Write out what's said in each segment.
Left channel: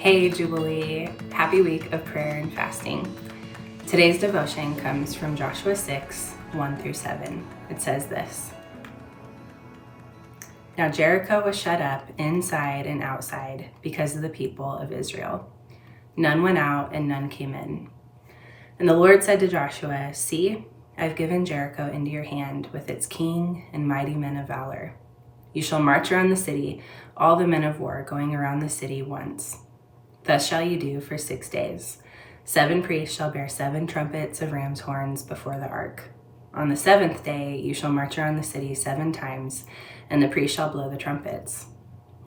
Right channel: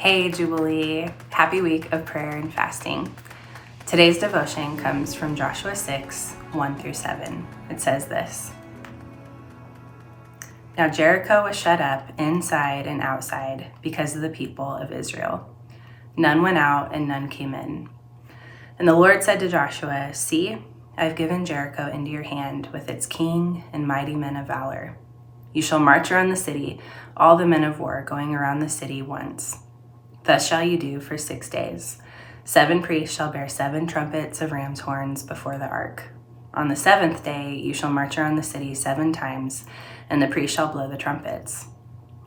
Hey Jubilee, happy week of prayer and fasting. Today's devotion comes from Joshua 6, 1-7. It says this: Now Jericho was shut up inside and outside because of the people of Israel. None went out and none came in. And the Lord said to Joshua, See, I've given Jericho into your hand with its king and mighty men of valor. You shall march around the city, all the men of war going around the city once. Thus shall you do for 6 days. 7 priests shall bear 7 trumpets of ram's horns before the ark. On the 7th day you shall march around the city 7 times, and the priests shall blow the trumpets.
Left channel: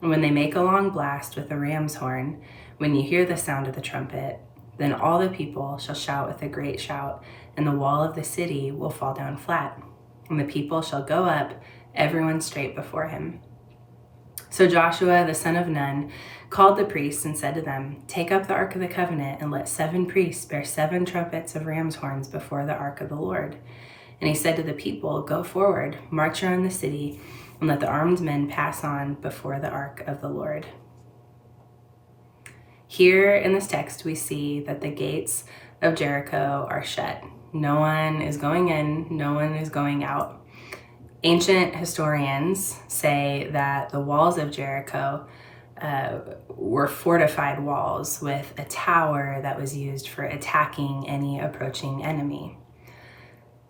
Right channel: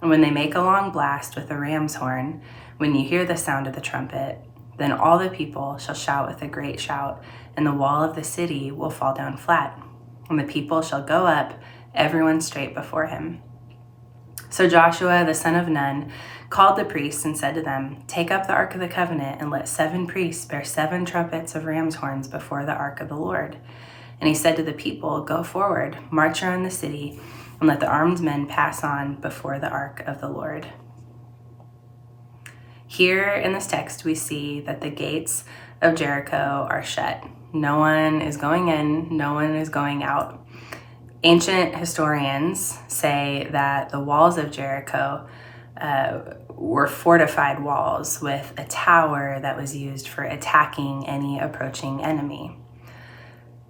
And when they make a long blast with the ram's horn, when you hear the sound of the trumpet, then all the people shall shout with a great shout, and the wall of the city will fall down flat, and the people shall go up, everyone straight before him. So Joshua the son of Nun called the priests and said to them, Take up the ark of the covenant, and let 7 priests bear 7 trumpets of ram's horns before the ark of the Lord. And he said to the people, Go forward, march around the city, and let the armed men pass on before the ark of the Lord. Here in this text, we see that the gates of Jericho are shut. No one is going in, no one is going out. Ancient historians say that the walls of Jericho were fortified walls with a tower that was used for attacking any approaching enemy.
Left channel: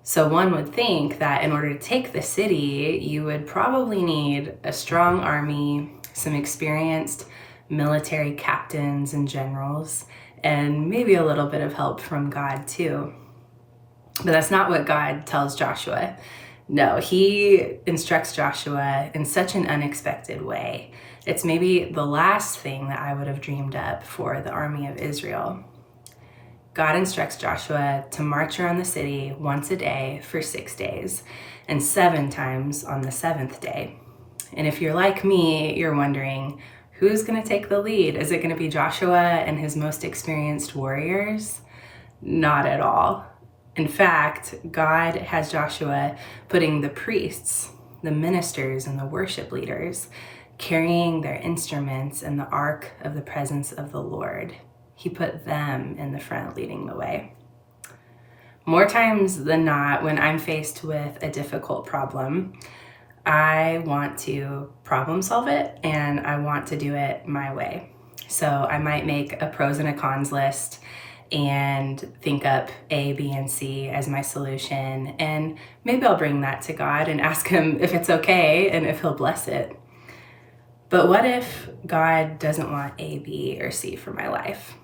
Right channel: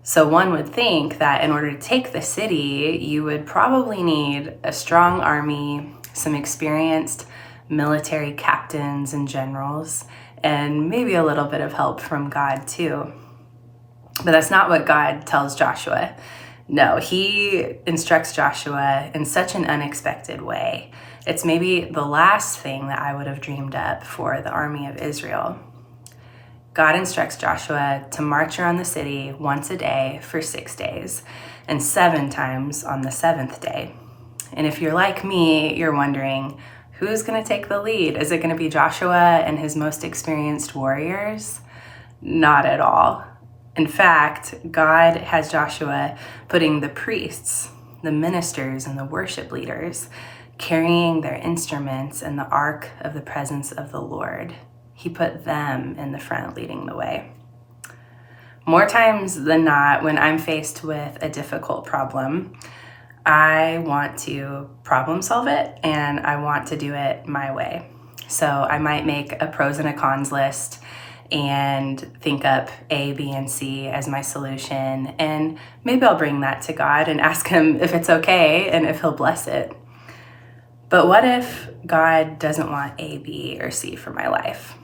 So one would think that in order to take the city, you would probably need a strong army, some experienced military captains and generals, and maybe a little bit of help from God too. But that's not what God tells Joshua. No, he instructs Joshua in such an unexpected way. It's maybe the last thing that I would have dreamed up for the army of Israel. God instructs Joshua to march around the city once a day for 6 days, and 7 times on the 7th day. And if you're like me, you're wondering, who's going to take the lead? Is it going to be Joshua and his most experienced warriors? Not at all. In fact, God has Joshua putting the priests, the ministers, and the worship leaders carrying their instruments in the ark of the presence of the Lord. He put them in the front leading the way. More times than not, when I'm faced with a difficult problem, I want to problem solve it and I want to do it my way. So I might make a pros and a cons list and think up A, B, and C as my solution. And maybe I'll bring that to God and ask him if it's okay and if he'll bless it. But what if God doesn't want A, B, or C for my life?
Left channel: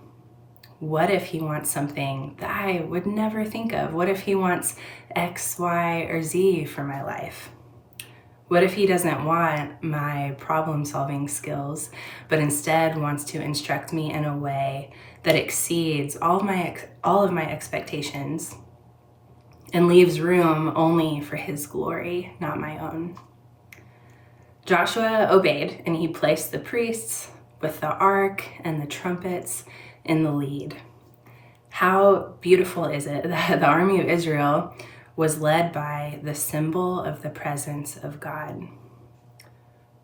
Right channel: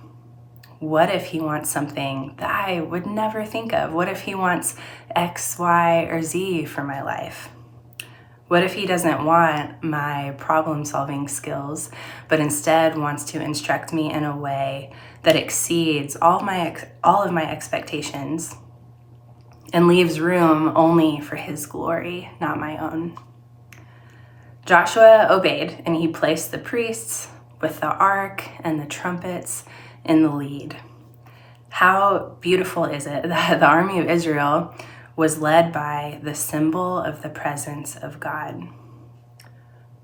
What if he wants something that I would never think of? What if he wants X, Y, or Z for my life? What if he doesn't want my problem-solving skills, but instead wants to instruct me in a way that exceeds all of my expectations and leaves room only for his glory, not my own? Joshua obeyed, and he placed the priests with the ark and the trumpets in the lead. How beautiful is it that the army of Israel was led by the symbol of the presence of God?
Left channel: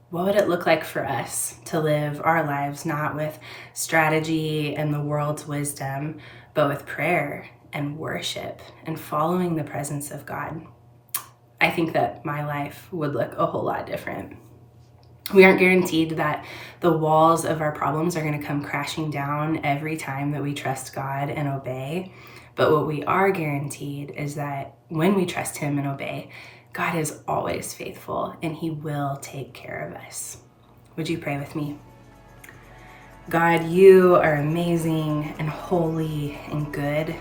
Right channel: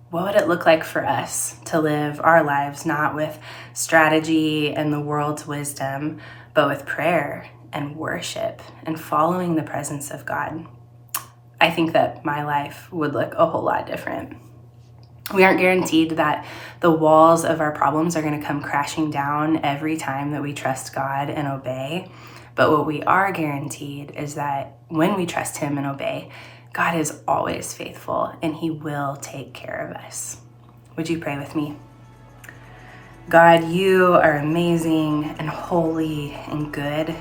What would it look like for us to live our lives not with strategy and the world's wisdom, but with prayer and worship and following the presence of God? I think that my life would look a whole lot different. We aren't guaranteed that the walls of our problems are going to come crashing down every time that we trust God and obey. But what we are guaranteed is that when we trust him and obey, God is always faithful and he will take care of us. Would you pray with me? God, you are amazing and holy and good.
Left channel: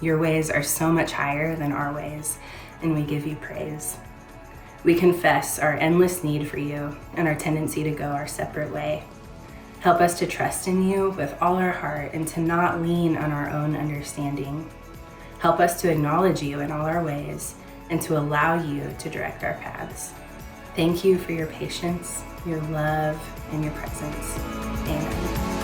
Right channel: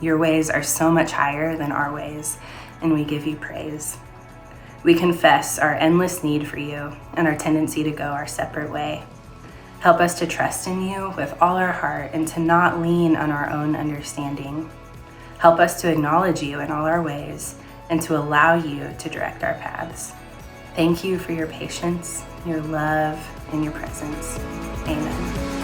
Your ways are so much higher than our ways, and we give you praise. We confess our endless need for you and our tendency to go our separate way. Help us to trust in you with all our heart and to not lean on our own understanding. Help us to acknowledge you in all our ways and to allow you to direct our paths. Thank you for your patience, your love, and your presence. Amen.